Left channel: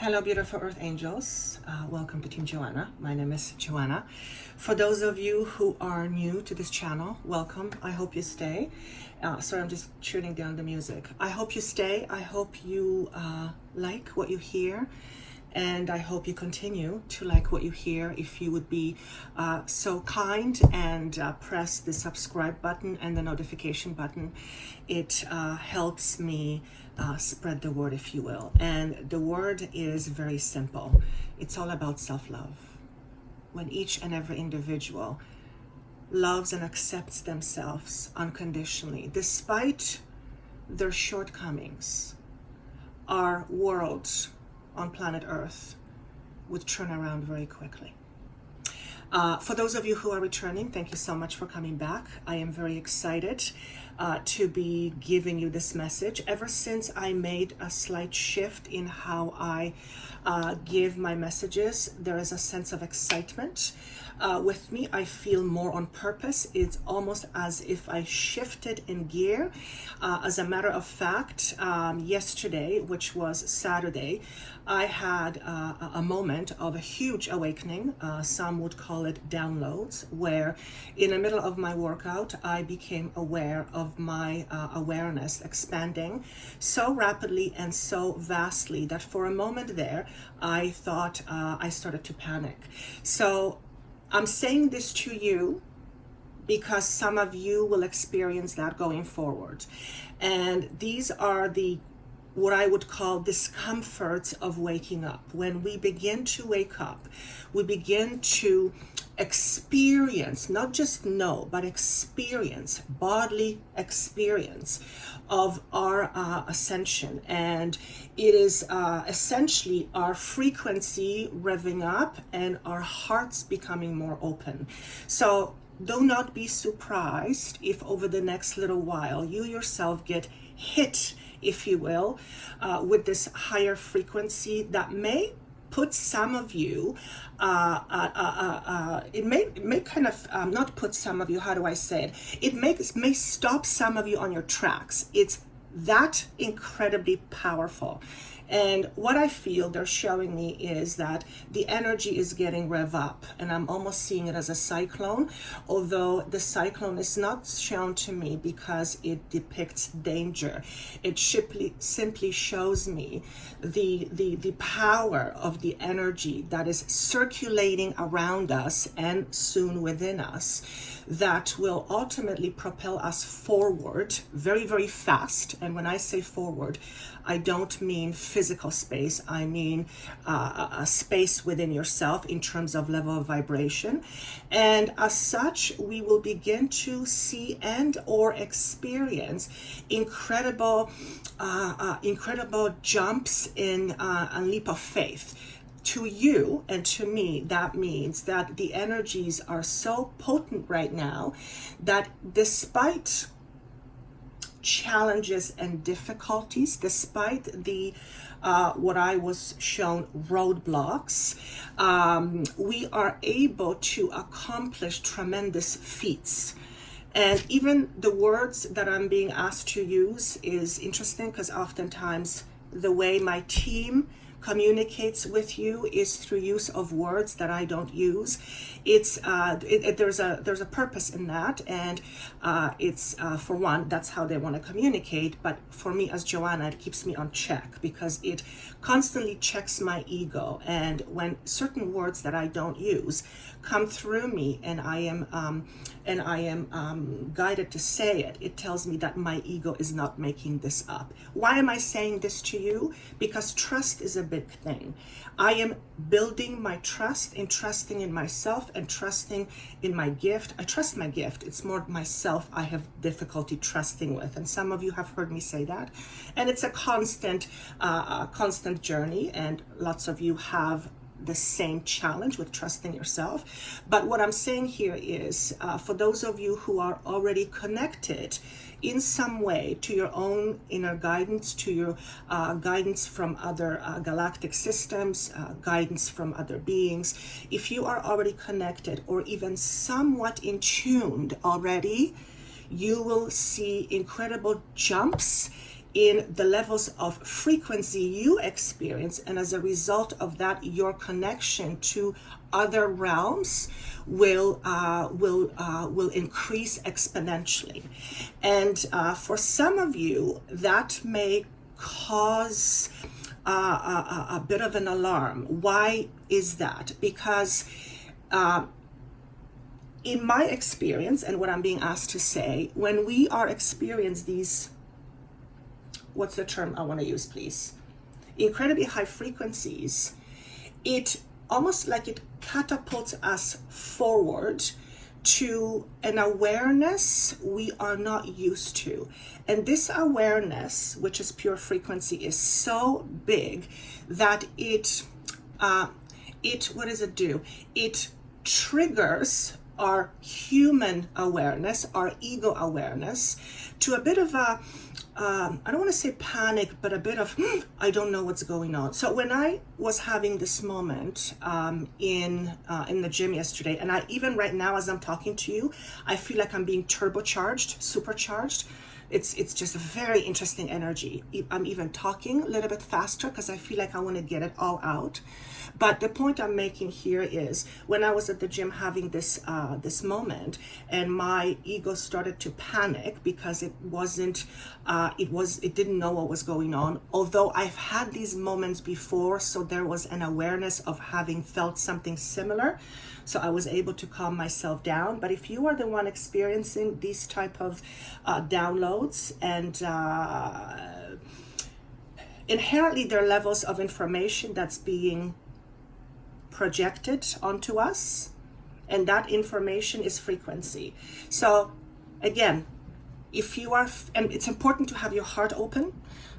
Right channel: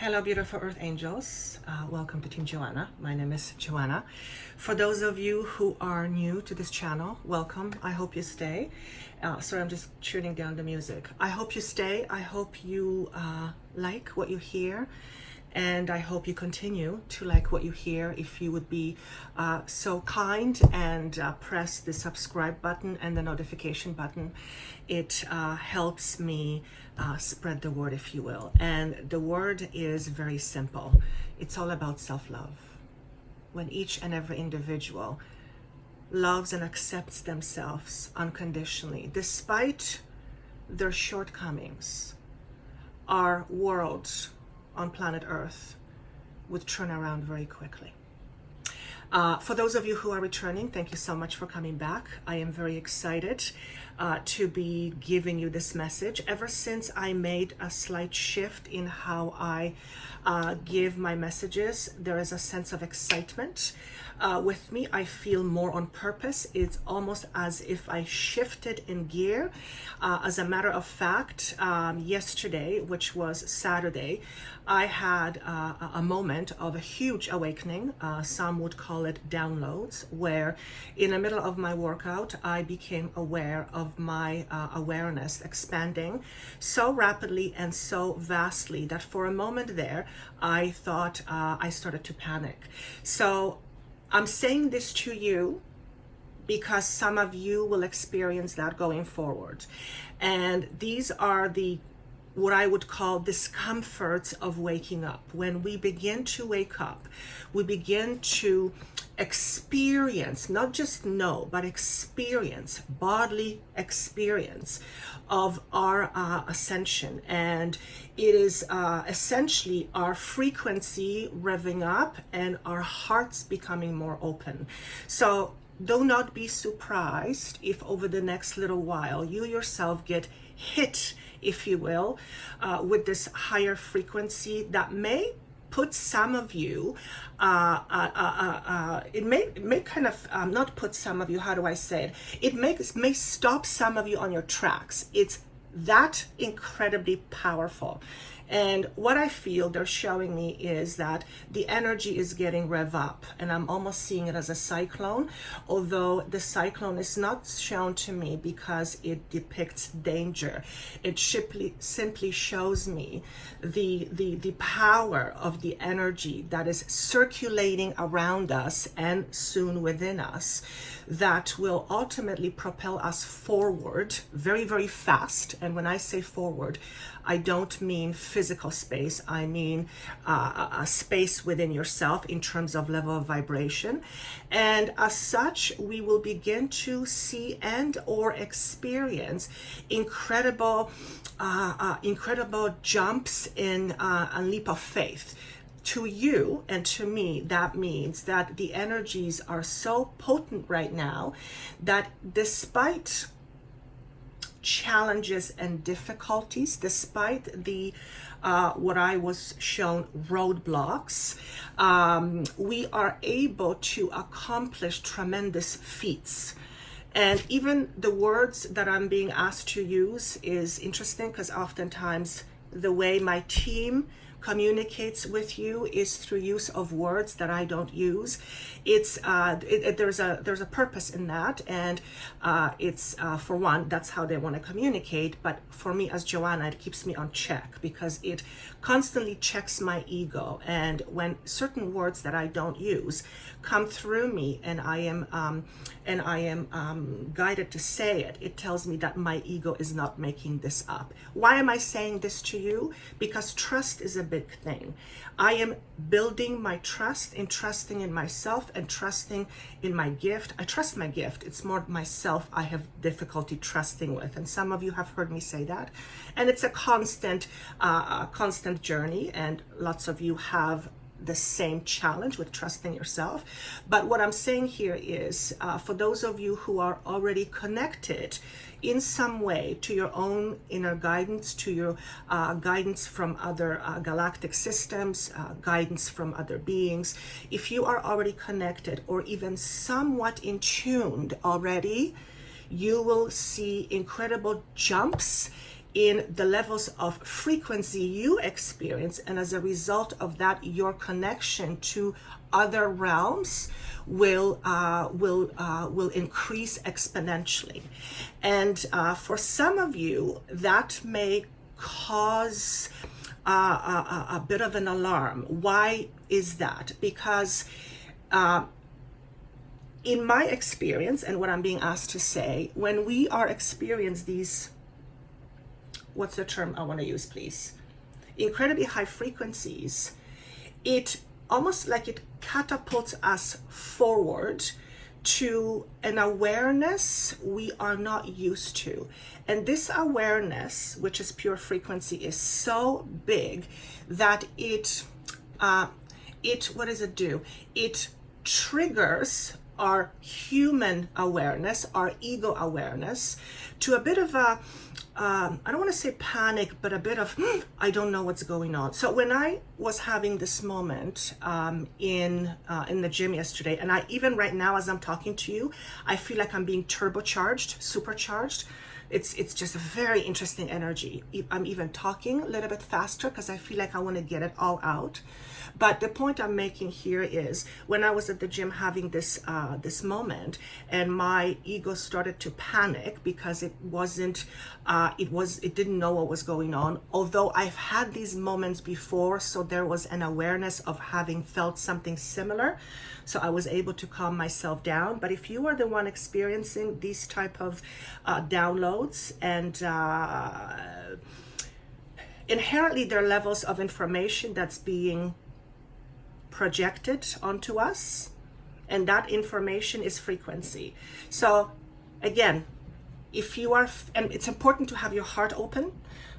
Hello, beautiful Earth Angels. Welcome to Team Joanna. My name is Joanna. For those of you who are new to this channel, welcome. I hope you stay. Sorry, I'm just tuning down the music. I hope you stay. I hope you like what you hear. And I hope you continue to like what you hear. If you would be so kind and press the subscribe button and the notification button, it helps me spread the word, if you will. And the word is very simple. It's all about self-love. When each and every individual loves and accepts themselves unconditionally, despite their shortcomings, our world on planet Earth would turn around very quickly. For those of you who are returning, thank you so much for coming back. I am very excited to be giving you this message. Ever since I made a slight shift in how I give my messages, there is a sense of excitement with me. I feel more on purpose. It's almost as if I shifted in gear. As a matter of fact, yesterday, which was Saturday, I had a moment of a huge awakening. Some would call it downloads, where in the middle of my workout, I became aware of my awareness expanding so rapidly and so vastly that for a moment there, I thought I started to panic. So I'm saying this to you because some of you will experience that going forward. And these are what I would call discomforts of waking up. When we begin to wake up, we begin to experience, not just know, but experience, bodily experience of our ascension. And it is essentially our frequency revving up and our hearts becoming more open. So do not be surprised if over the next little while you yourself get hit, if you will, with this higher frequency that may put some of you, it may kind of not put some of you, how do I say it? It may stop some of you on your tracks. It's that incredibly powerful. And what I feel they're showing me is that the energy is getting rev up, and I'm almost seeing it as a cyclone, although the cyclone is not shown to me because it depicts danger. It simply shows me the power of the energy that is circulating around us and soon within us, that will ultimately propel us forward very, very fast. And when I say forward, I don't mean physical space. I mean a space within yourself in terms of level of vibration. And as such, we will begin to see and or experience incredible jumps in a leap of faith. To you and to me, that means that the energies are so potent right now that despite challenges and difficulties, despite the what I was shown roadblocks, we are able to accomplish tremendous feats. And even the words that I'm being asked to use is interesting, because oftentimes the way my team communicates with you is through use of words that I don't use. It's there's a purpose in that, and it's for one, that's how they want to communicate. But for me as Joanna, it keeps me on check because it constantly checks my ego. And when certain words that I don't use come through me, and I am guided to say it, it tells me that my ego is not making this up. Why am I saying this to you? Because trust is a big thing. I am building my trust in trusting in myself and trusting in my gift. I trust my gift. It's more myself I have difficulty trusting with. And some of you have heard me say that. And it's a constant journey. And lots of you have the same challenge with trusting yourself. But what I'm saying here is for those of you who are already connected in some way to your own inner guidance, to your guidance from other galactic systems, guidance from other beings, if you are already connected or even somewhat in tuned already, you will see incredible jumps in the levels of frequency you experience, and as a result of that, your connection to other realms will increase exponentially. And for some of you, that may cause a bit of an alarm. Why is that? Because in my experience, and what I'm being asked to say, when we are experiencing these, what's the term I want to use, please? Incredibly high frequencies, it almost like it catapults us forward to an awareness we are not used to. And this awareness, which is pure frequency, is so big that it what does it do? It triggers our human awareness, our ego awareness, to a bit of a I don't want to say panic, but a bit of, I don't know what's going on. So when I was having this moment in the gym yesterday, and I even right now as I'm talking to you, I feel like I'm being turbocharged, supercharged. It's just a very interesting energy. I'm even talking a little bit faster because I feel like I want to get it all out. But the point I'm making here is when I was at the gym having this moment, and my ego started to panic because it didn't know what was going on. Although I've had these moments before, so there was an awareness of having felt something similar. So I was able to calm myself down. But if you are the one experiencing these type of downloads, and inherently there are levels of information that's being projected onto us, and that information is frequency. So again, if you are, and it's important to have your heart open.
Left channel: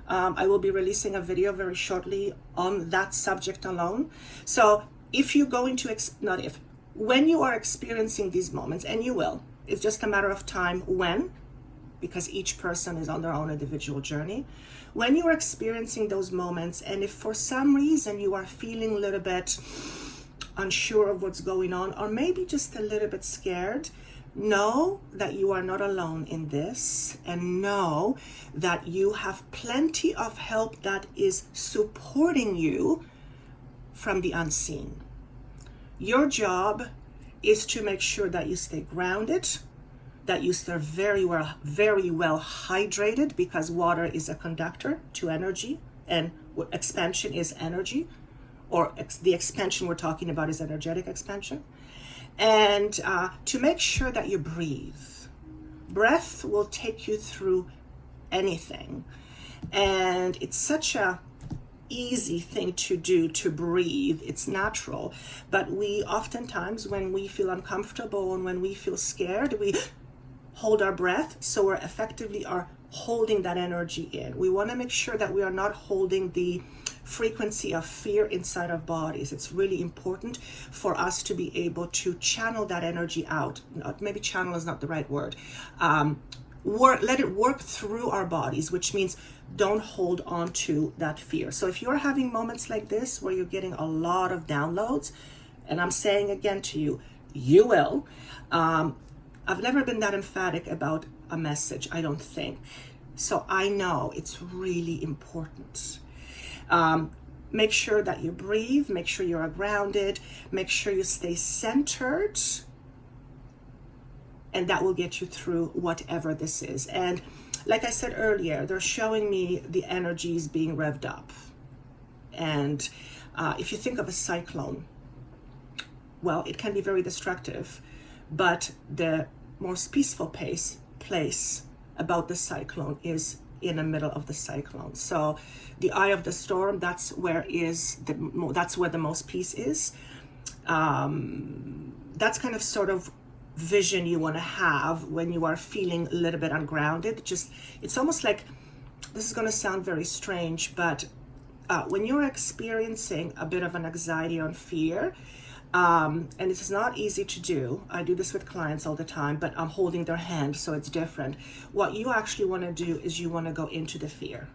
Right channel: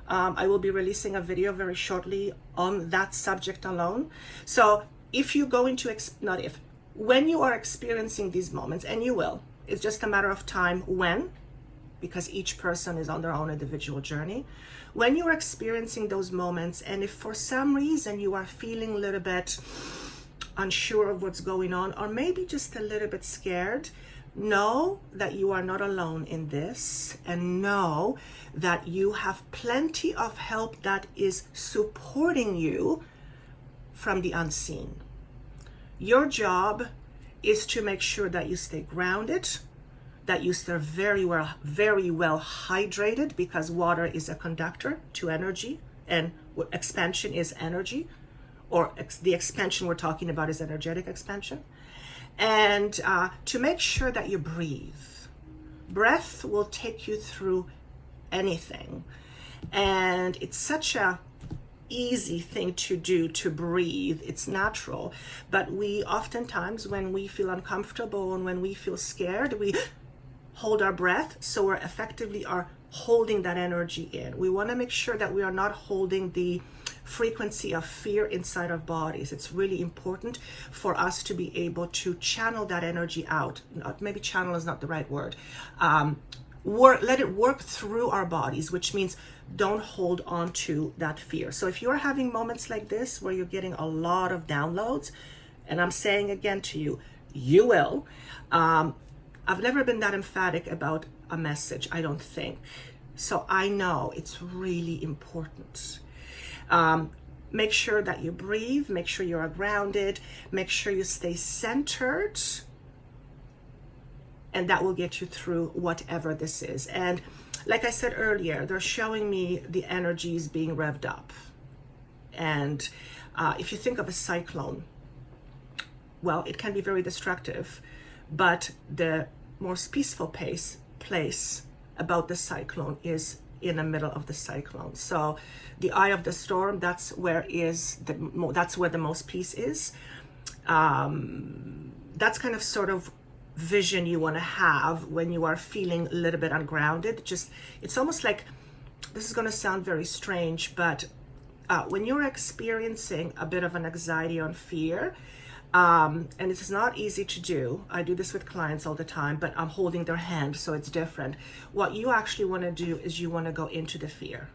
I will be releasing a video very shortly on that subject alone. So if you go into, when you are experiencing these moments, and you will, it's just a matter of time when, because each person is on their own individual journey. When you are experiencing those moments, and if for some reason you are feeling a little bit unsure of what's going on, or maybe just a little bit scared, know that you are not alone in this, and know that you have plenty of help that is supporting you from the unseen. Your job is to make sure that you stay grounded, that you stay very well hydrated, because water is a conductor to energy, and expansion is energy, or the expansion we're talking about is energetic expansion. And to make sure that you breathe. Breath will take you through anything. And it's such a easy thing to do, to breathe. It's natural. But we oftentimes, when we feel uncomfortable and when we feel scared, we hold our breath. So we're effectively are holding that energy in. We want to make sure that we are not holding the frequency of fear inside our bodies. It's really important for us to be able to channel that energy out. Maybe channel is not the right word. Let it work through our bodies, which means don't hold on to that fear. So if you're having moments like this where you're getting a lot of downloads, and I'm saying again to you, you will. I've never been that emphatic about a message, I don't think. So I know it's really important. Make sure that you breathe, make sure you are grounded, make sure you stay centered, and that will get you through whatever this is. And like I said earlier, they're showing me the energies being revved up. And if you think of a cyclone, well, it can be very destructive, but the most peaceful place about the cyclone is in the middle of the cyclone. So the eye of the storm, that's where the most peace is. That's kind of sort of vision you want to have when you are feeling a little bit ungrounded. It's almost like, this is going to sound very strange, but when you're experiencing a bit of an anxiety or fear, and it's not easy to do. I do this with clients all the time, but I'm holding their hand, so it's different. What you actually want to do is you want to go into the fear.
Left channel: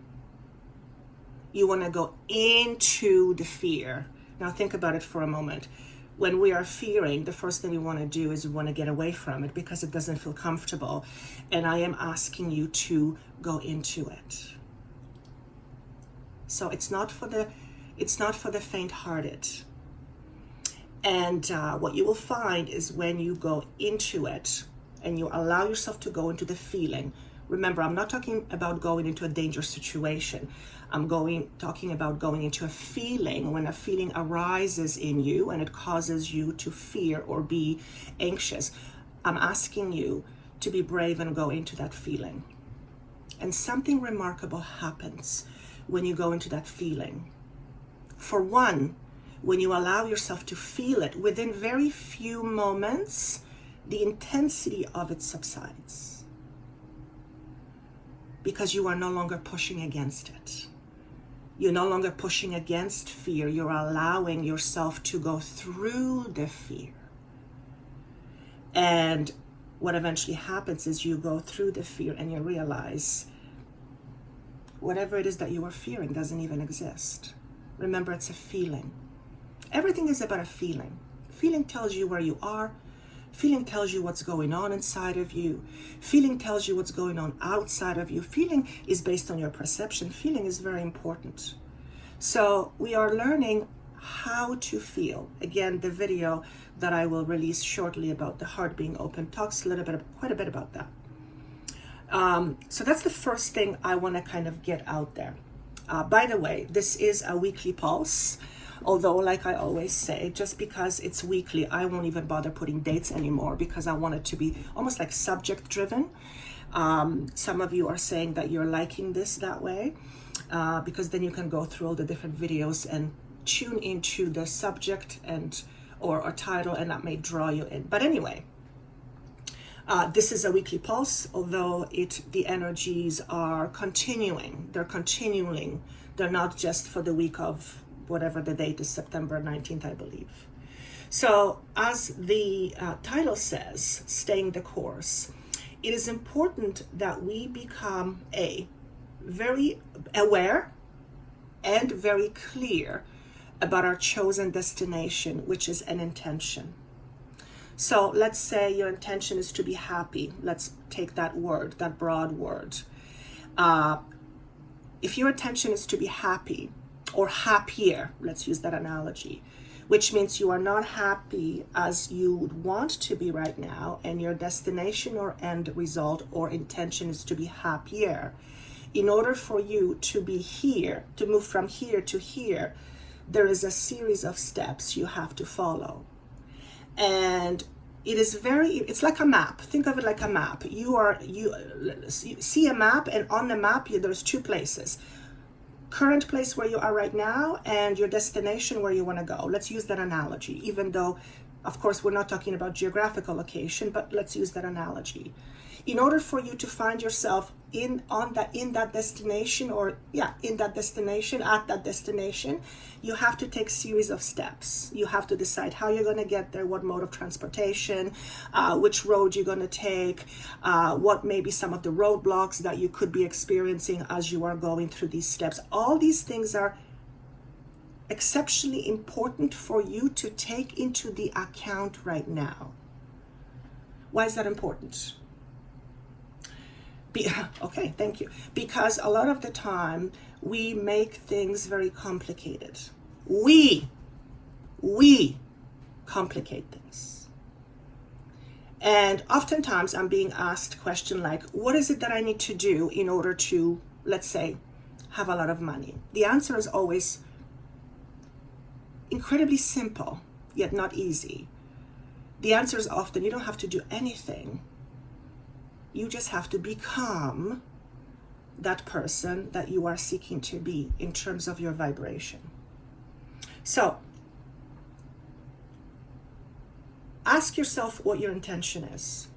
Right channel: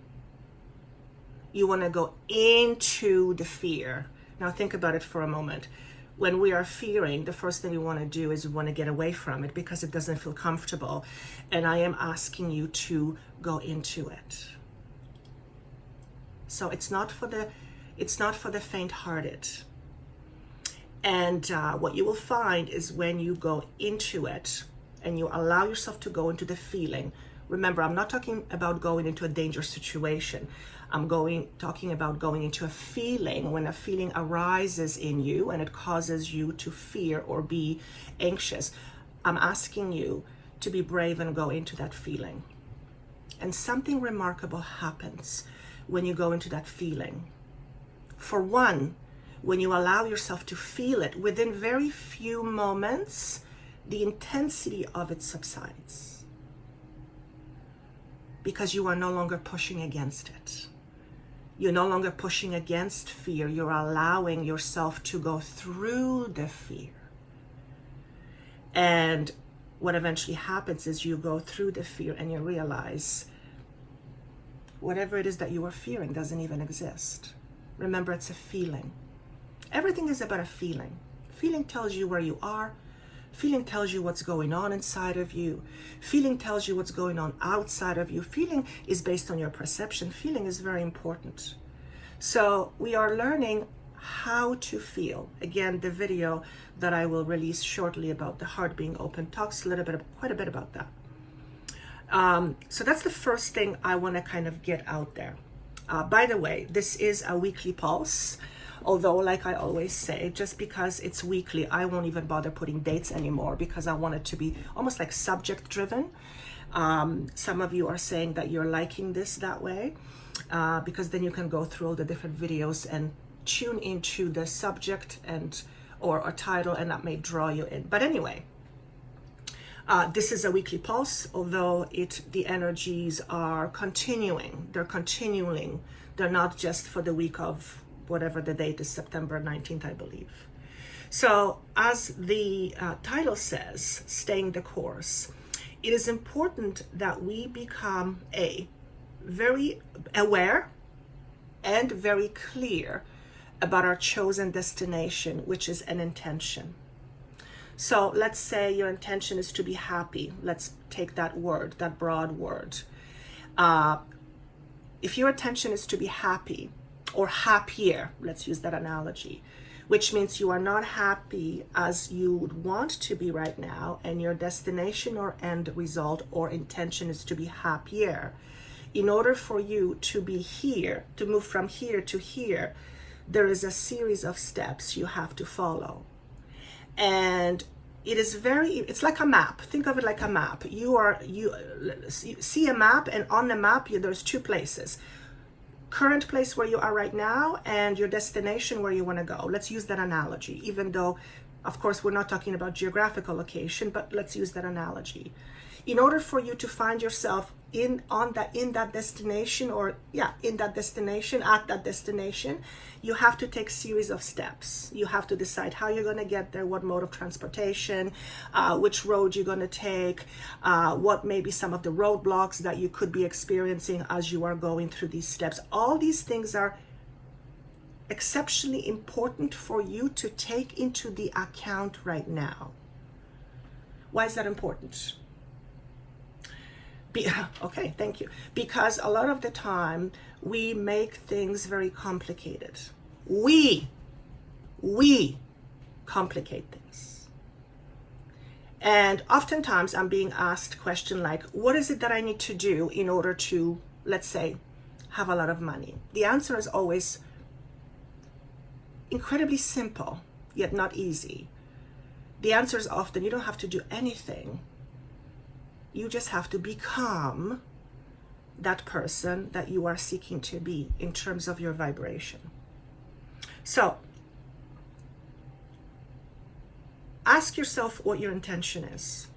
You want to go into the fear. Now think about it for a moment. When we are fearing, the first thing we want to do is we want to get away from it because it doesn't feel comfortable. And I am asking you to go into it. So it's not for the faint-hearted. And what you will find is when you go into it and you allow yourself to go into the feeling. Remember, I'm not talking about going into a dangerous situation. I'm talking about going into a feeling. When a feeling arises in you and it causes you to fear or be anxious, I'm asking you to be brave and go into that feeling. And something remarkable happens when you go into that feeling. For one, when you allow yourself to feel it, within very few moments, the intensity of it subsides. Because you are no longer pushing against it. You're no longer pushing against fear. You're allowing yourself to go through the fear. And what eventually happens is you go through the fear and you realize whatever it is that you are fearing doesn't even exist. Remember, it's a feeling. Everything is about a feeling. Feeling tells you where you are. Feeling tells you what's going on inside of you. Feeling tells you what's going on outside of you. Feeling is based on your perception. Feeling is very important. So we are learning how to feel. Again, the video that I will release shortly about the heart being open talks quite a bit about that. So that's the first thing I want to kind of get out there. By the way, this is a weekly pulse. Although, like I always say, just because it's weekly, I won't even bother putting dates anymore because I want it to be almost like subject driven. Some of you are saying that you're liking this that way because then you can go through all the different videos and tune into the subject or a title, and that may draw you in. But anyway, this is a weekly pulse, although the energies are continuing. They're continuing. They're not just for the week of whatever the date is, September 19th, I believe. So as the title says, staying the course, it is important that we become very aware and very clear about our chosen destination, which is an intention. So let's say your intention is to be happy. Let's take that word, that broad word. If your intention is to be happy, or happier, let's use that analogy, which means you are not happy as you would want to be right now, and your destination or end result or intention is to be happier. In order for you to be here, to move from here to here, there is a series of steps you have to follow. And it's like a map. Think of it like a map. You see a map, and on the map, there's two places. Current place where you are right now and your destination where you want to go. Let's use that analogy, even though, of course, we're not talking about geographical location, but let's use that analogy. In order for you to find yourself at that destination, you have to take series of steps. You have to decide how you're going to get there, what mode of transportation, which road you're going to take, what may be some of the roadblocks that you could be experiencing as you are going through these steps. All these things are exceptionally important for you to take into the account right now. Why is that important? Okay, thank you. Because a lot of the time we make things very complicated. We complicate things. And oftentimes I'm being asked a question like, what is it that I need to do in order to, let's say, have a lot of money? The answer is always incredibly simple, yet not easy. The answer is often you don't have to do anything. You just have to become that person that you are seeking to be in terms of your vibration. So, ask yourself what your intention is.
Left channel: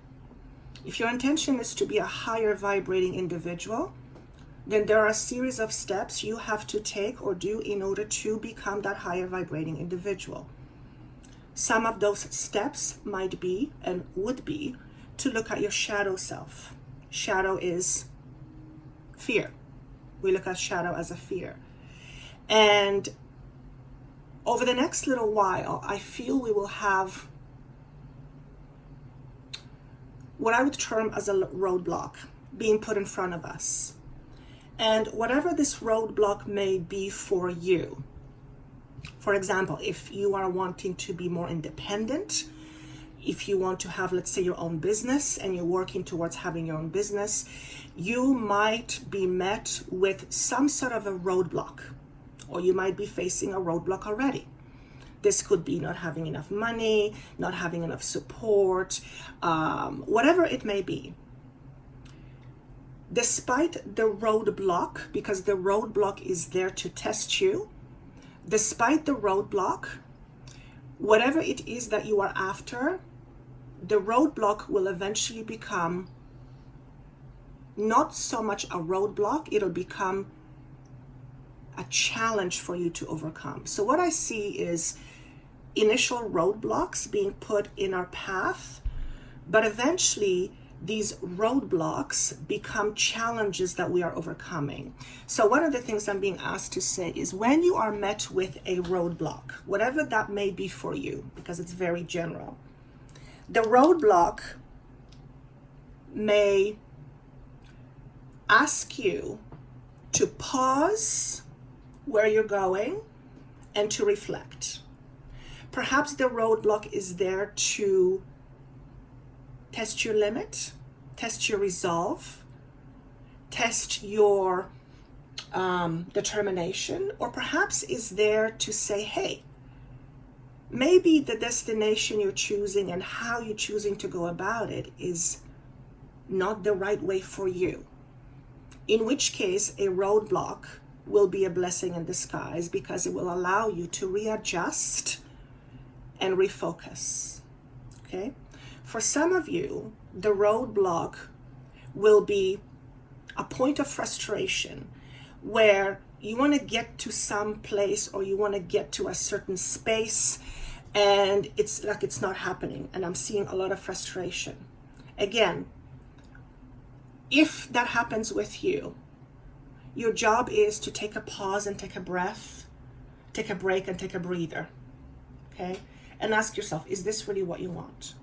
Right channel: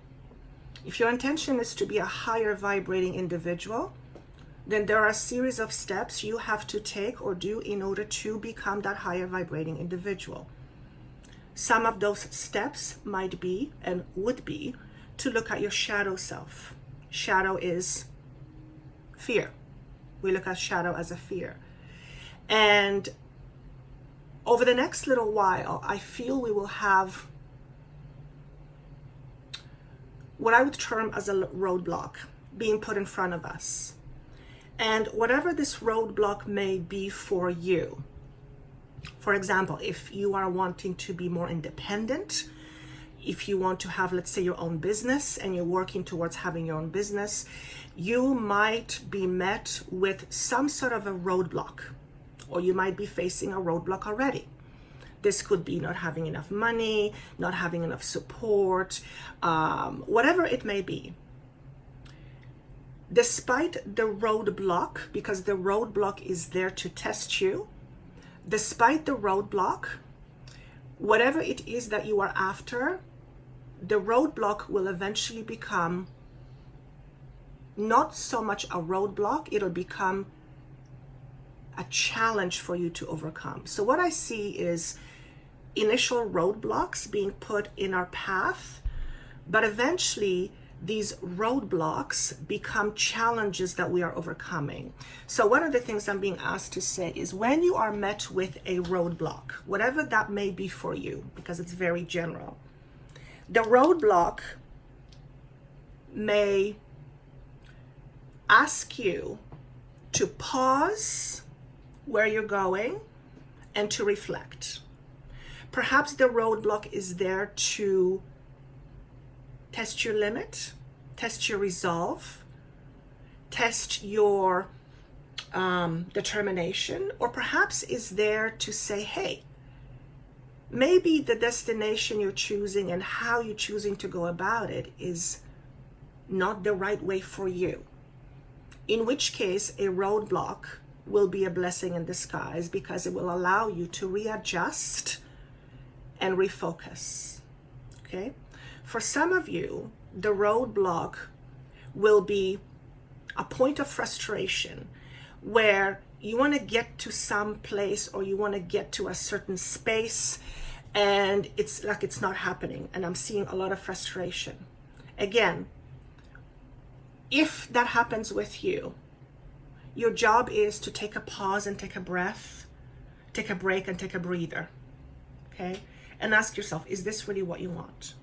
If your intention is to be a higher vibrating individual, then there are a series of steps you have to take or do in order to become that higher vibrating individual. Some of those steps might be and would be to look at your shadow self. Shadow is fear. We look at shadow as a fear. And over the next little while, I feel we will have what I would term as a roadblock being put in front of us. And whatever this roadblock may be for you, for example, if you are wanting to be more independent, if you want to have, let's say, your own business and you're working towards having your own business, you might be met with some sort of a roadblock, or you might be facing a roadblock already. This could be not having enough money, not having enough support, whatever it may be. Despite the roadblock, because the roadblock is there to test you, despite the roadblock, whatever it is that you are after, the roadblock will eventually become not so much a roadblock, it'll become a challenge for you to overcome. So what I see is initial roadblocks being put in our path, but eventually these roadblocks become challenges that we are overcoming. So one of the things I'm being asked to say is, when you are met with a roadblock, whatever that may be for you, because it's very general, the roadblock may ask you to pause where you're going and to reflect. Perhaps the roadblock is there to test your limit, test your resolve, test your determination, or perhaps is there to say, hey, maybe the destination you're choosing and how you're choosing to go about it is not the right way for you. In which case, a roadblock will be a blessing in disguise, because it will allow you to readjust and refocus. Okay? For some of you, the roadblock will be a point of frustration where you want to get to some place, or you want to get to a certain space, and it's like it's not happening, and I'm seeing a lot of frustration. Again, if that happens with you, your job is to take a pause and take a breath, take a break and take a breather, okay? And ask yourself, is this really what you want?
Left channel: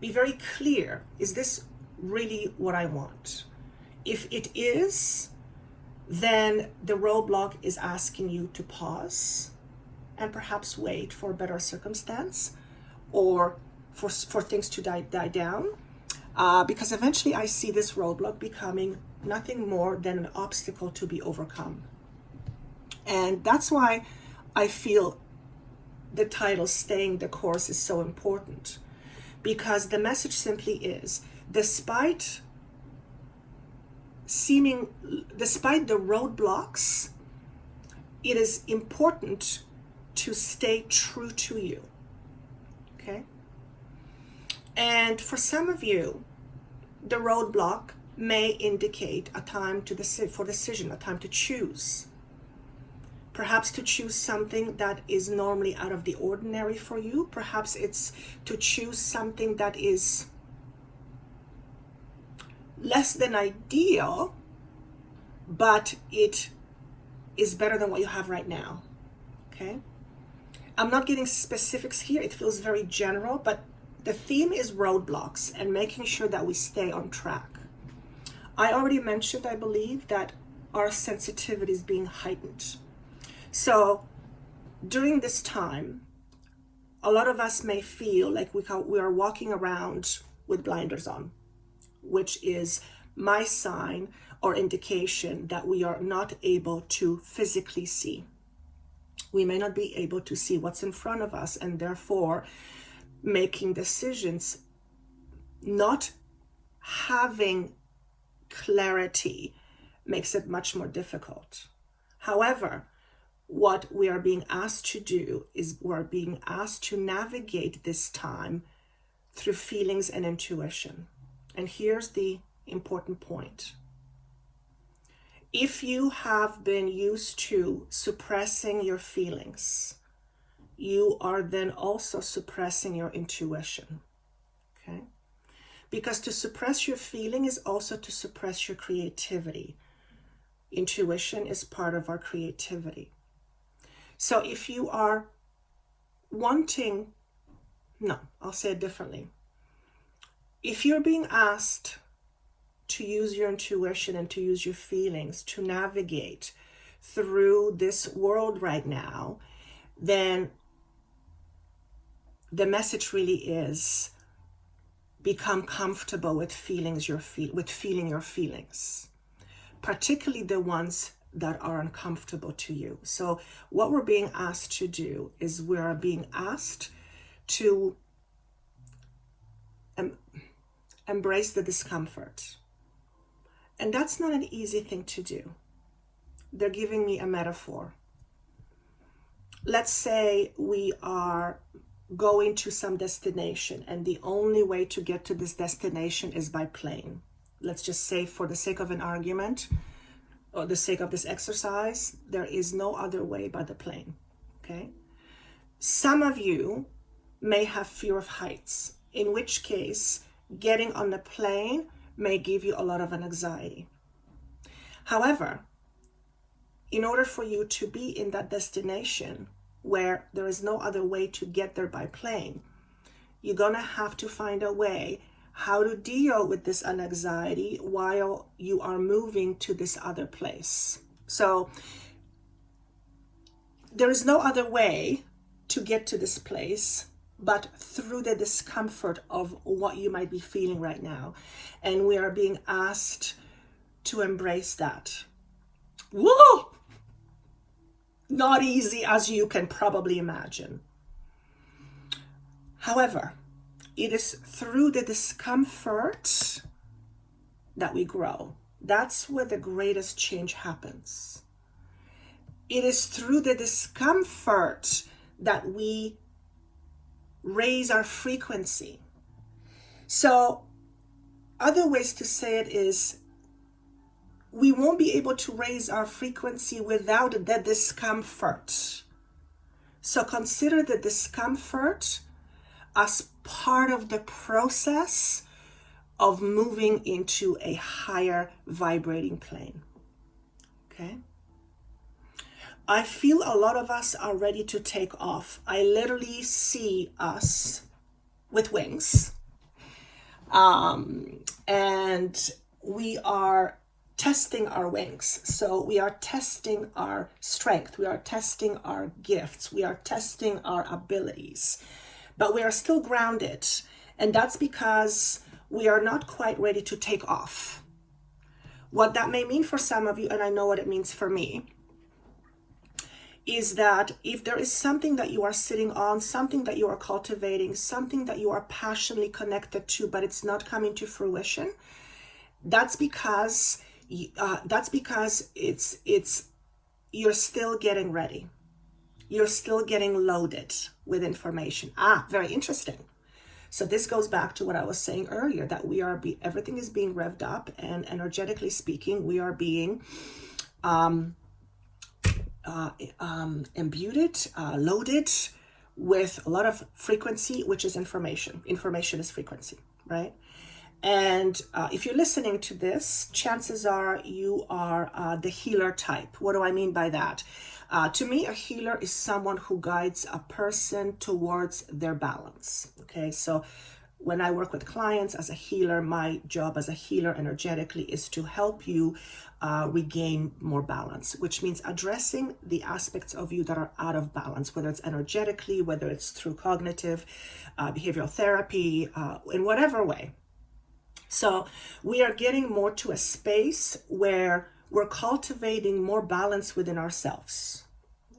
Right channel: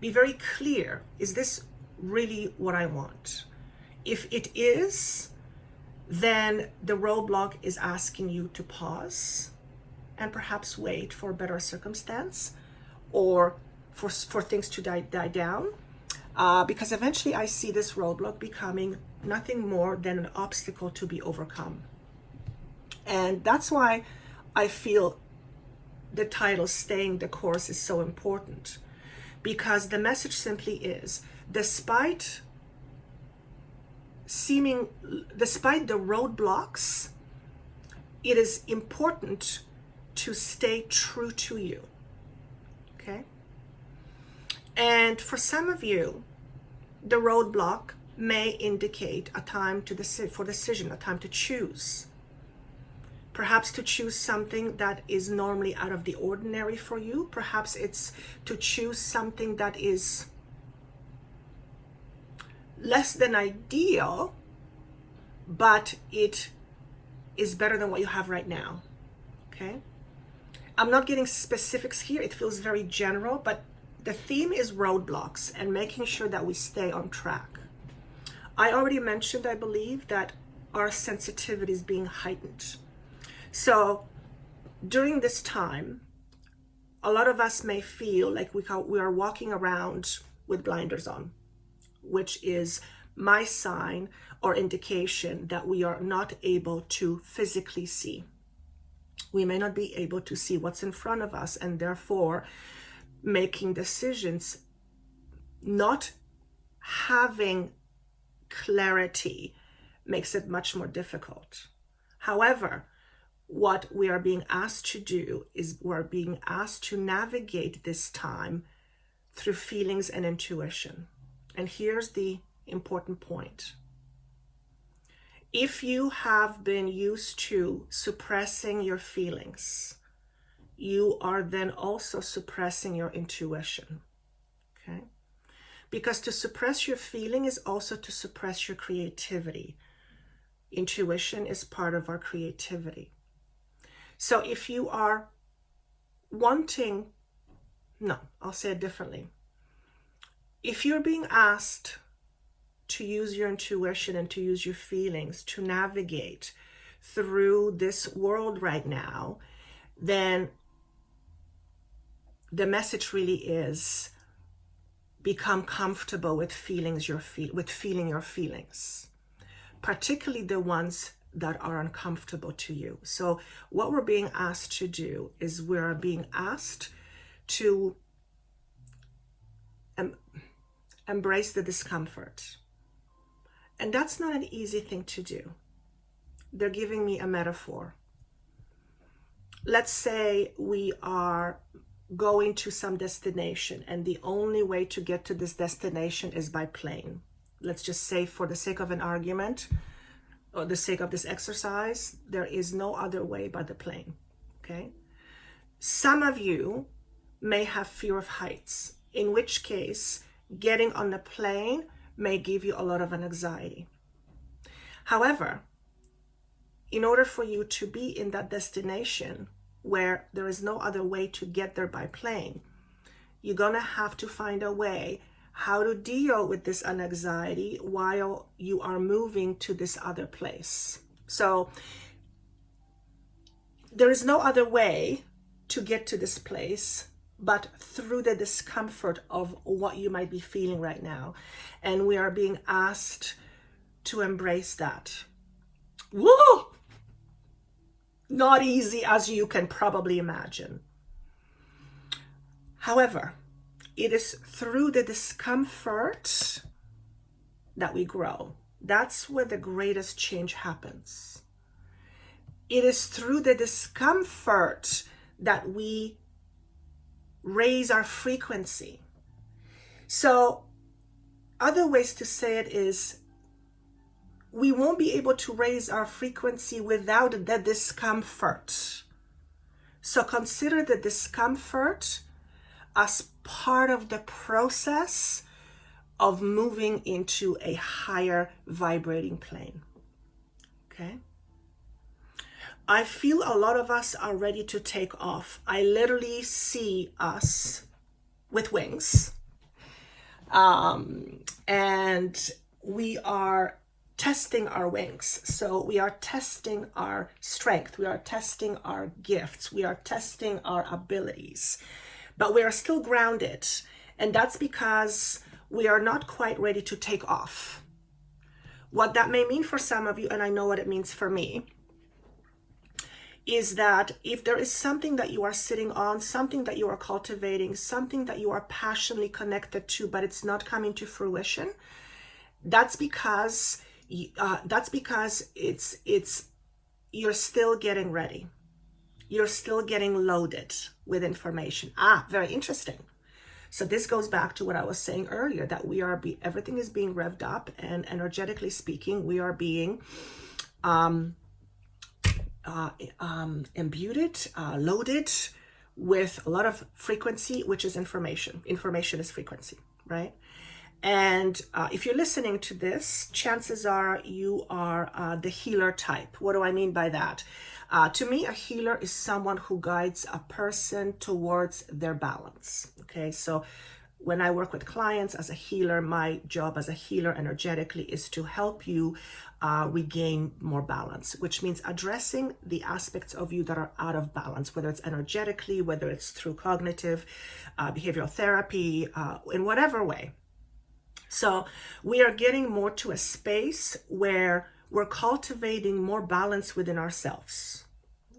Be very clear, is this really what I want? If it is, then the roadblock is asking you to pause and perhaps wait for a better circumstance, or for things to die down. Because eventually I see this roadblock becoming nothing more than an obstacle to be overcome. And that's why I feel the title, Staying the Course, is so important. Because the message simply is, despite the roadblocks, it is important to stay true to you. Okay? And for some of you, the roadblock may indicate a time for decision, a time to choose. Perhaps to choose something that is normally out of the ordinary for you. Perhaps it's to choose something that is less than ideal, but it is better than what you have right now. Okay? I'm not getting specifics here. It feels very general, but the theme is roadblocks and making sure that we stay on track. I already mentioned, I believe, that our sensitivity is being heightened. So during this time, a lot of us may feel like we are walking around with blinders on, which is my sign or indication that we are not able to physically see. We may not be able to see what's in front of us, and therefore making decisions, not having clarity, makes it much more difficult. However, what we are being asked to do is we're being asked to navigate this time through feelings and intuition. And here's the important point. If you have been used to suppressing your feelings, you are then also suppressing your intuition, okay? Because to suppress your feeling is also to suppress your creativity. Intuition is part of our creativity. So if you are I'll say it differently. If you're being asked to use your intuition and to use your feelings to navigate through this world right now, then the message really is become comfortable with feeling your feelings, particularly the ones that are uncomfortable to you. So what we're being asked to do is we're being asked to embrace the discomfort. And that's not an easy thing to do. They're giving me a metaphor. Let's say we are going to some destination and the only way to get to this destination is by plane. Let's just say, for the sake of an argument, or the sake of this exercise, there is no other way but the plane, okay? Some of you may have fear of heights, in which case getting on the plane may give you a lot of anxiety. However, in order for you to be in that destination where there is no other way to get there by plane, you're gonna have to find a way how to deal with this anxiety while you are moving to this other place. So there is no other way to get to this place but through the discomfort of what you might be feeling right now. And we are being asked to embrace that. Woo! Not easy, as you can probably imagine. However, it is through the discomfort that we grow. That's where the greatest change happens. It is through the discomfort that we raise our frequency. So, other ways to say it is, we won't be able to raise our frequency without the discomfort. So consider the discomfort as part of the process of moving into a higher vibrating plane. Okay? I feel a lot of us are ready to take off. I literally see us with wings. And we are testing our wings. So we are testing our strength. We are testing our gifts. We are testing our abilities. But we are still grounded. And that's because we are not quite ready to take off. What that may mean for some of you, and I know what it means for me, is that if there is something that you are sitting on, something that you are cultivating, something that you are passionately connected to, but it's not coming to fruition, that's because it's you're still getting ready. You're still getting loaded with information. Very interesting. So this goes back to what I was saying earlier, that everything is being revved up, and energetically speaking, we are being imbued, loaded with a lot of frequency, which is information. Information is frequency, right? And if you're listening to this, chances are you are the healer type. What do I mean by that? To me, a healer is someone who guides a person towards their balance. Okay, so when I work with clients as a healer, my job as a healer energetically is to help you regain more balance, which means addressing the aspects of you that are out of balance, whether it's energetically, whether it's through cognitive, behavioral therapy, in whatever way. So we are getting more to a space where we're cultivating more balance within ourselves.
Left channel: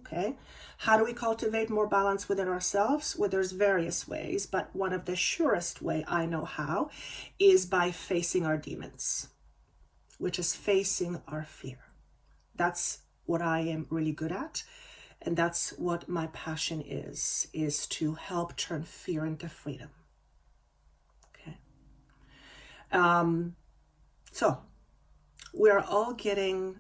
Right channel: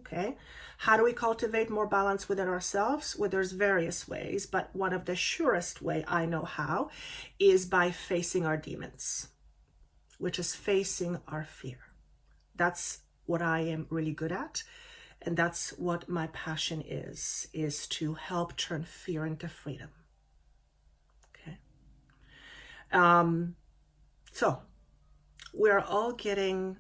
Okay, how do we cultivate more balance within ourselves? Well, there's various ways, but one of the surest way I know how is by facing our demons, which is facing our fear. That's what I am really good at, and that's what my passion is to help turn fear into freedom. Okay. So we're all getting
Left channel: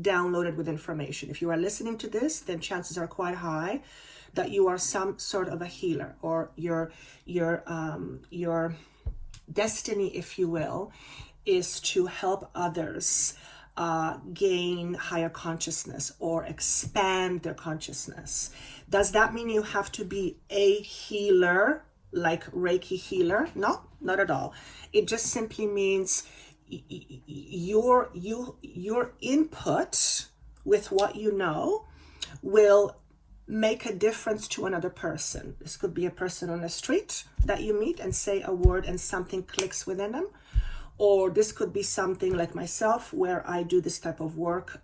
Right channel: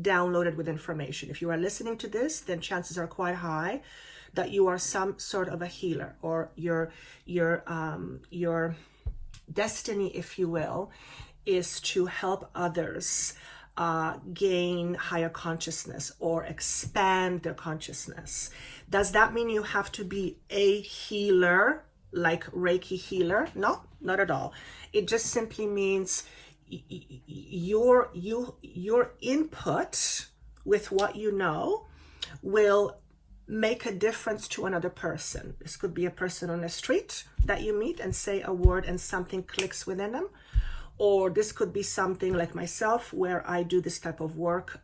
downloaded with information. If you are listening to this, then chances are quite high that you are some sort of a healer, or your destiny, if you will, is to help others gain higher consciousness or expand their consciousness. Does that mean you have to be a healer, like Reiki healer? No, not at all. It just simply means your input with what you know will make a difference to another person. This could be a person on the street that you meet and say a word and something clicks within them. Or this could be something like myself where I do this type of work.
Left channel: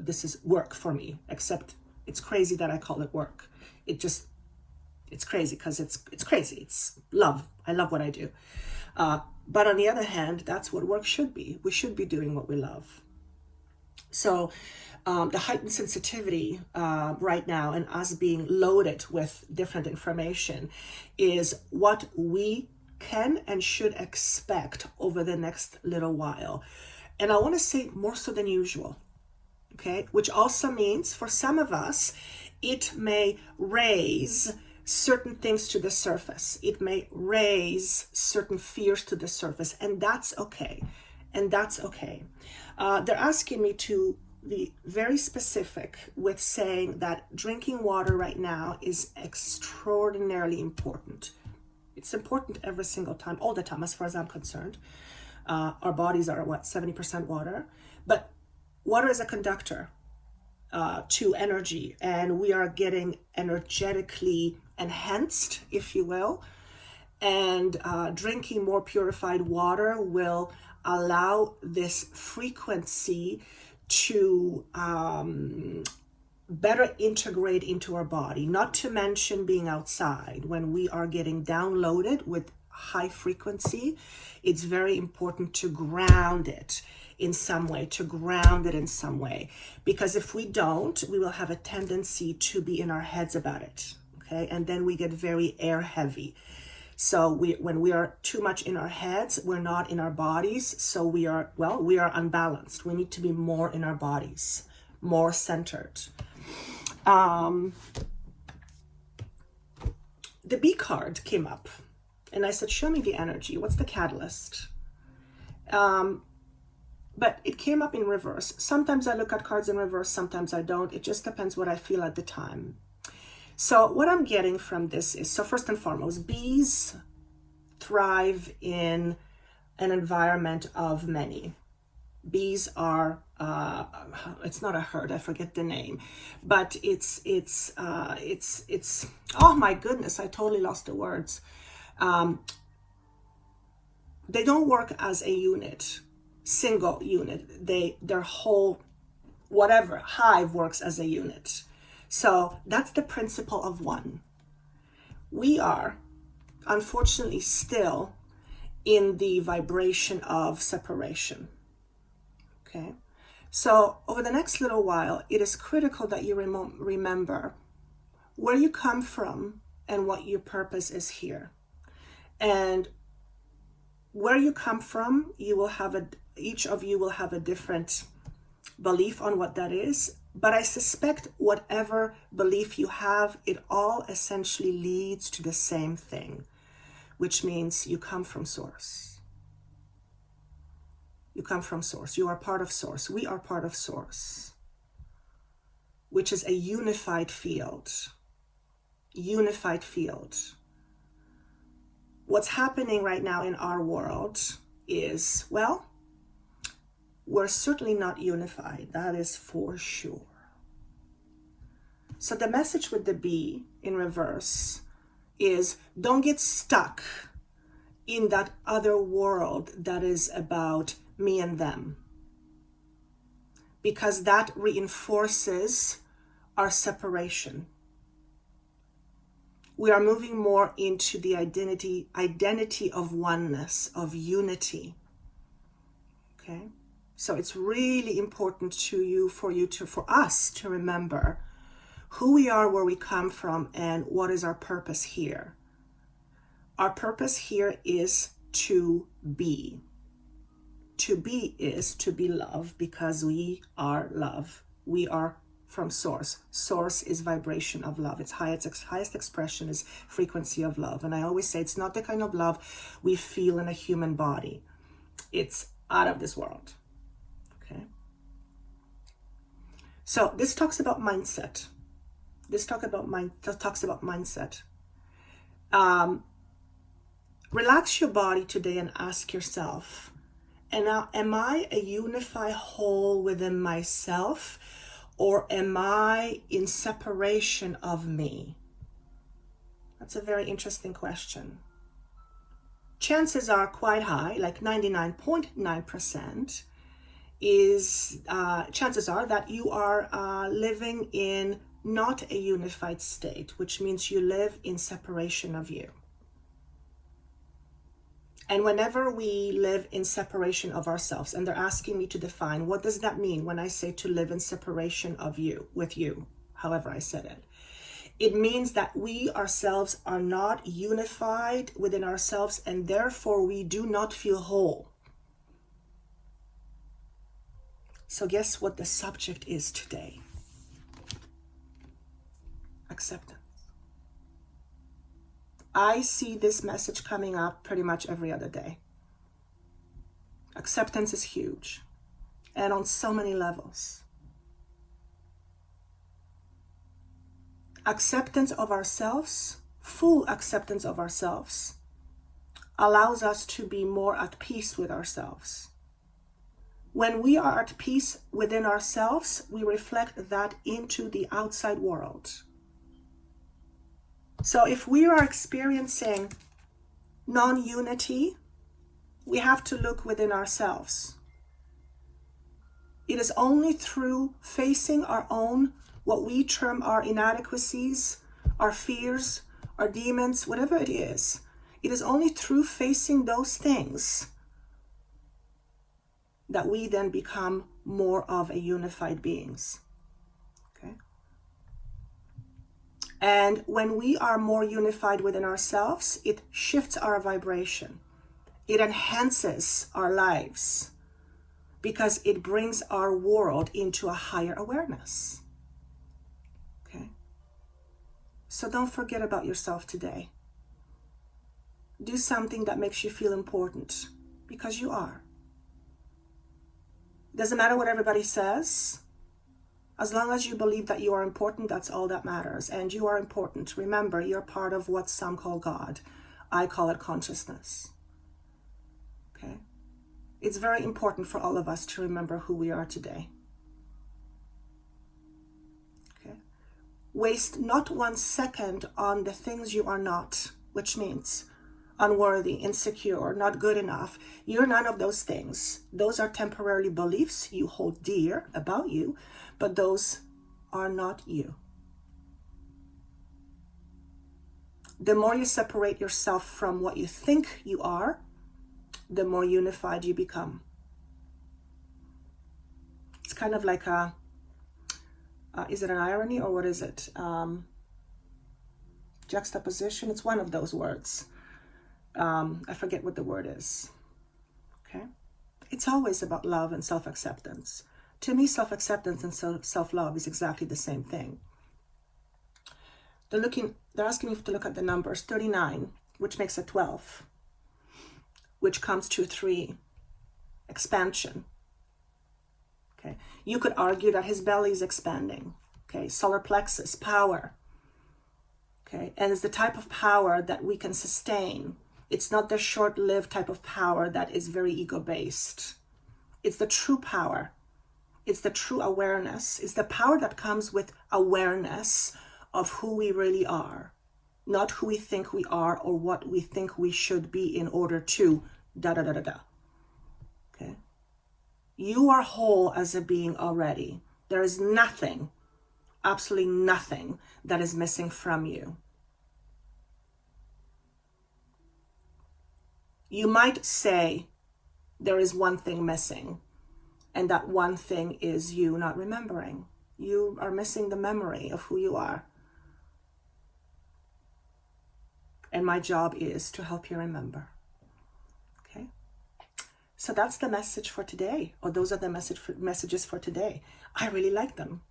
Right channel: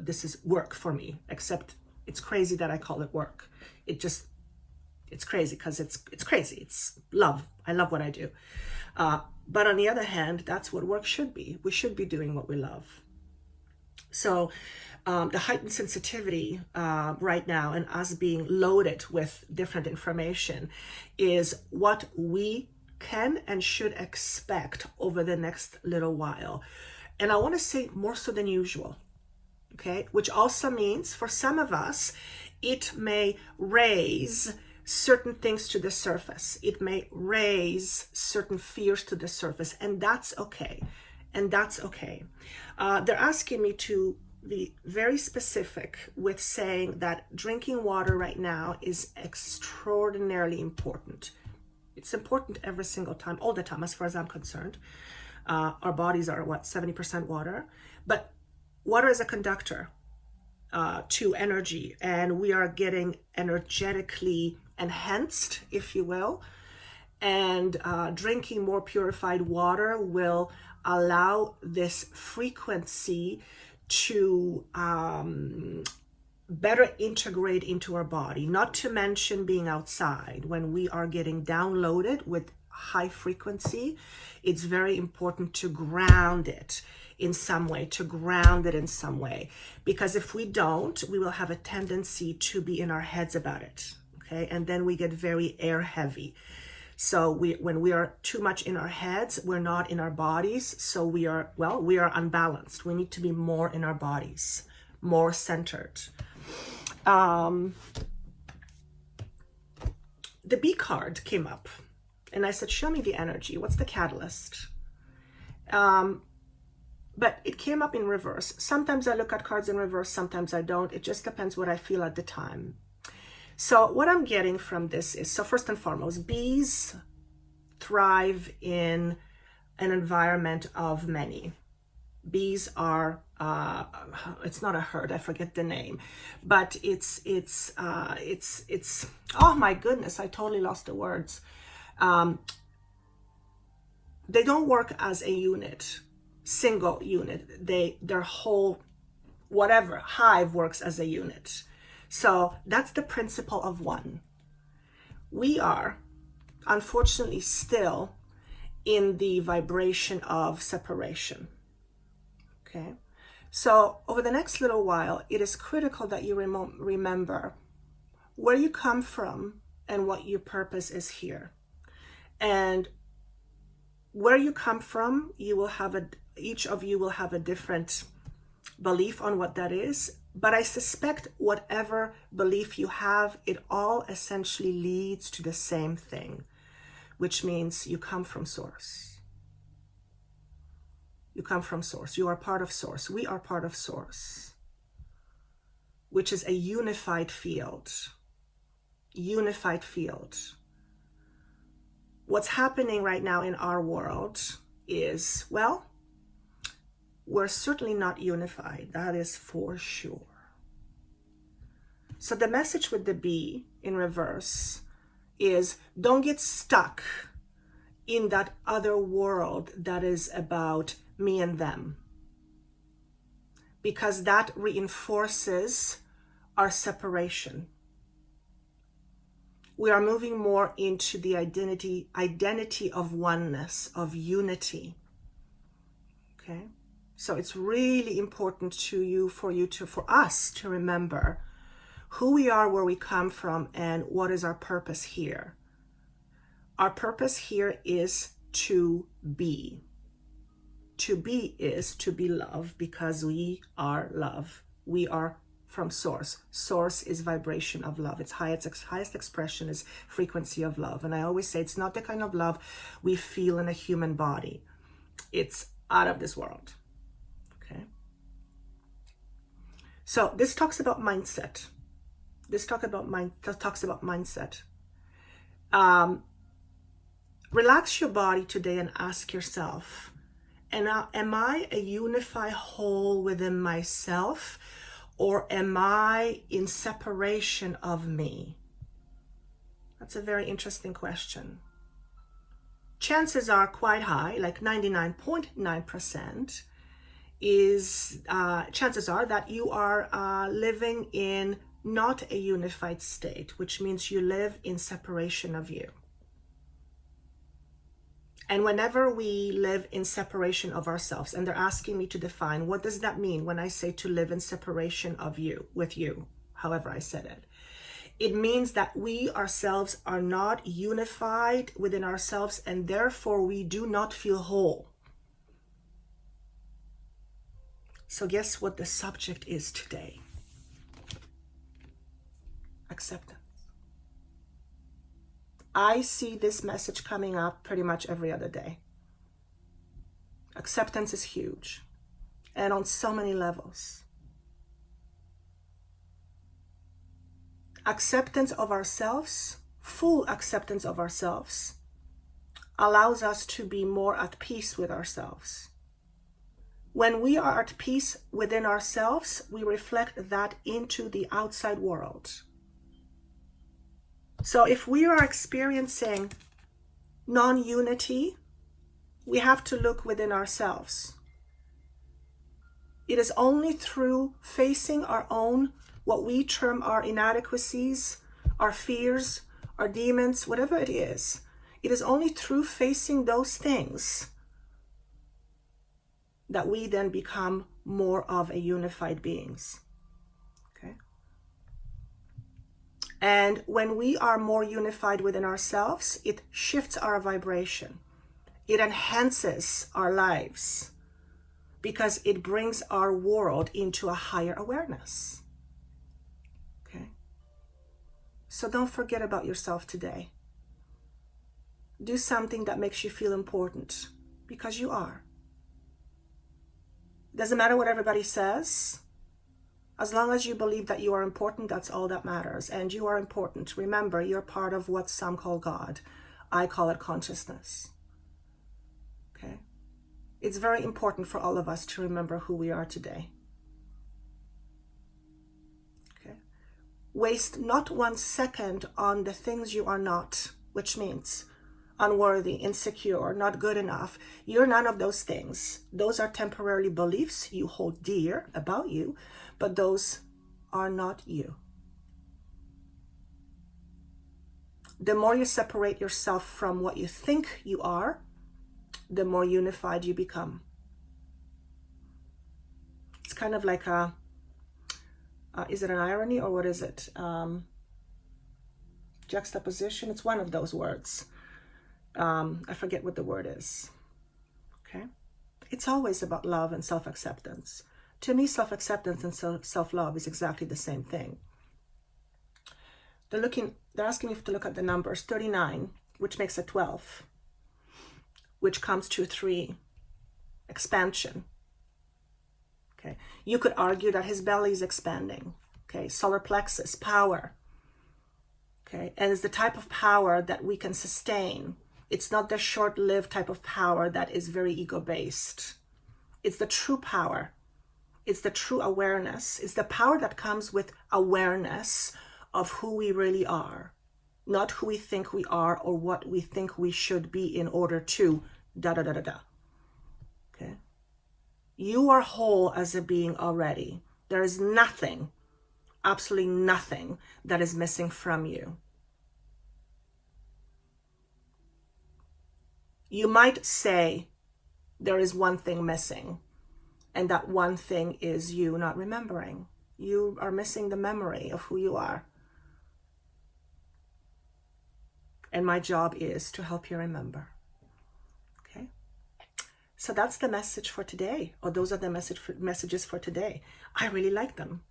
This is work for me, except it's crazy that I call it work. It's crazy because it's crazy. It's love. I love what I do. But on the other hand, that's what work should be. We should be doing what we love. So the heightened sensitivity right now and us being loaded with different information is what we can and should expect over the next little while. And I want to say more so than usual, okay? Which also means for some of us, it may raise certain things to the surface. It may raise certain fears to the surface, and that's okay. And that's okay. They're asking me to be very specific with saying that drinking water right now is extraordinarily important. It's important every single time, all the time, as far as I'm concerned. Our bodies are, 70% water? But water is a conductor to energy, and we are getting energetically enhanced, if you will. And drinking more purified water will allow this frequency to better integrate into our body, not to mention being outside. When we are getting downloaded with high frequency, it's very important to ground it in some way, because if we don't, we will have a tendency to be in our heads about it, okay? And then we get very air heavy. So when we are too much in our heads, we're not in our bodies, so we are unbalanced. We need to be more in our bodies, more centered. The B card came up and I said, show me the energy. What's the catalyst? But it came up in reverse. Sometimes I look at cards in reverse, sometimes I don't. It just depends what I feel at the time. So what I'm getting from this is, so first and foremost, bees thrive in an environment of many. Bees are, it's not a herd, I forget the name, but it's oh my goodness, I totally lost the words. They don't work as a unit, single unit. Their whole, whatever, hive works as a unit. So that's the principle of one. We are, unfortunately, still in the vibration of separation. Okay, so over the next little while, it is critical that you remember where you come from and what your purpose is here. And where you come from, each of you will have a different belief on what that is. But I suspect whatever belief you have, it all essentially leads to the same thing, which means you come from source. You come from source. You are part of source. We are part of source, which is a unified field. Unified field. What's happening right now in our world is, well, we're certainly not unified. That is for sure. So the message with the B in reverse is, don't get stuck in that other world that is about me and them, because that reinforces our separation. We are moving more into the identity of oneness, of unity. Okay? So it's really important for us to remember who we are, where we come from, and what is our purpose here. Our purpose here is to be. To be is to be love, because we are love. We are from source. Source is vibration of love. Its highest expression is frequency of love. And I always say it's not the kind of love we feel in a human body. It's out of this world. Okay. So this talks about mindset. Talks about mindset. Relax your body today and ask yourself, And am I a unified whole within myself, or am I in separation of me? That's a very interesting question. Chances are quite high, like 99.9%, is chances are that you are living in not a unified state, which means you live in separation of you. And whenever we live in separation of ourselves, and they're asking me to define, what does that mean when I say to live in separation of you, with you, however I said it? It means that we ourselves are not unified within ourselves, and therefore we do not feel whole. So guess what the subject is today? Acceptance. I see this message coming up pretty much every other day. Acceptance is huge, and on so many levels. Acceptance of ourselves, full acceptance of ourselves, allows us to be more at peace with ourselves. When we are at peace within ourselves, we reflect that into the outside world. So if we are experiencing non-unity, we have to look within ourselves. It is only through facing our own, what we term our inadequacies, our fears, our demons, whatever it is only through facing those things that we then become more of a unified beings. Okay? And when we are more unified within ourselves, it shifts our vibration. It enhances our lives because it brings our world into a higher awareness. Okay? So don't forget about yourself today. Do something that makes you feel important, because you are. Doesn't matter what everybody says. As long as you believe that you are important, that's all that matters. And you are important. Remember, you're part of what some call God. I call it consciousness. Okay? It's very important for all of us to remember who we are today. Okay? Waste not 1 second on the things you are not, which means unworthy, insecure, not good enough. You're none of those things. Those are temporary beliefs you hold dear about you, but those are not you. The more you separate yourself from what you think you are, the more unified you become. It's kind of like a, is it an irony or what is it? Juxtaposition, it's one of those words. I forget what the word is. Okay? It's always about love and self-acceptance. To me, self-acceptance and self-love is exactly the same thing. They're asking me to look at the numbers 39, which makes it 12, which comes to 3, expansion. Okay? You could argue that his belly is expanding. Okay? Solar plexus, power. Okay? And it's the type of power that we can sustain. It's not the short-lived type of power that is very ego-based. It's the true power. It's the true awareness. It's the power that comes with awareness of who we really are, not who we think we are or what we think we should be in order to da-da-da-da-da. Okay? You are whole as a being already. There is nothing, absolutely nothing, that is missing from you. You might say there is one thing missing, and that one thing is you not remembering. You are missing the memory of who you are. And my job is to help you remember. Okay? So that's the message for today, or those are the messages for today. I really like them.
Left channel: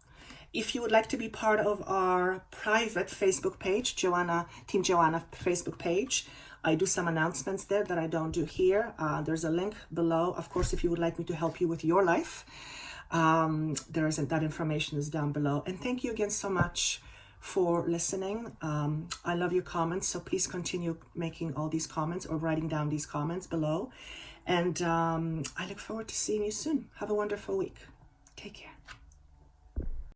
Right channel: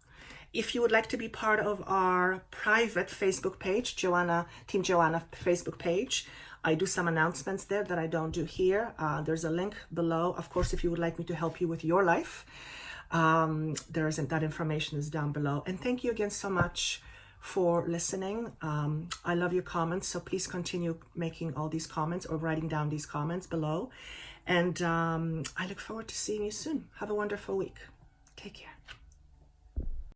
If you would like to be part of our private Facebook page, Team Joanna Facebook page, I do some announcements there that I don't do here. There's a link below. Of course, if you would like me to help you with your life, that information is down below. And thank you again so much for listening. I love your comments, so please continue making all these comments or writing down these comments below. And I look forward to seeing you soon. Have a wonderful week. Take care.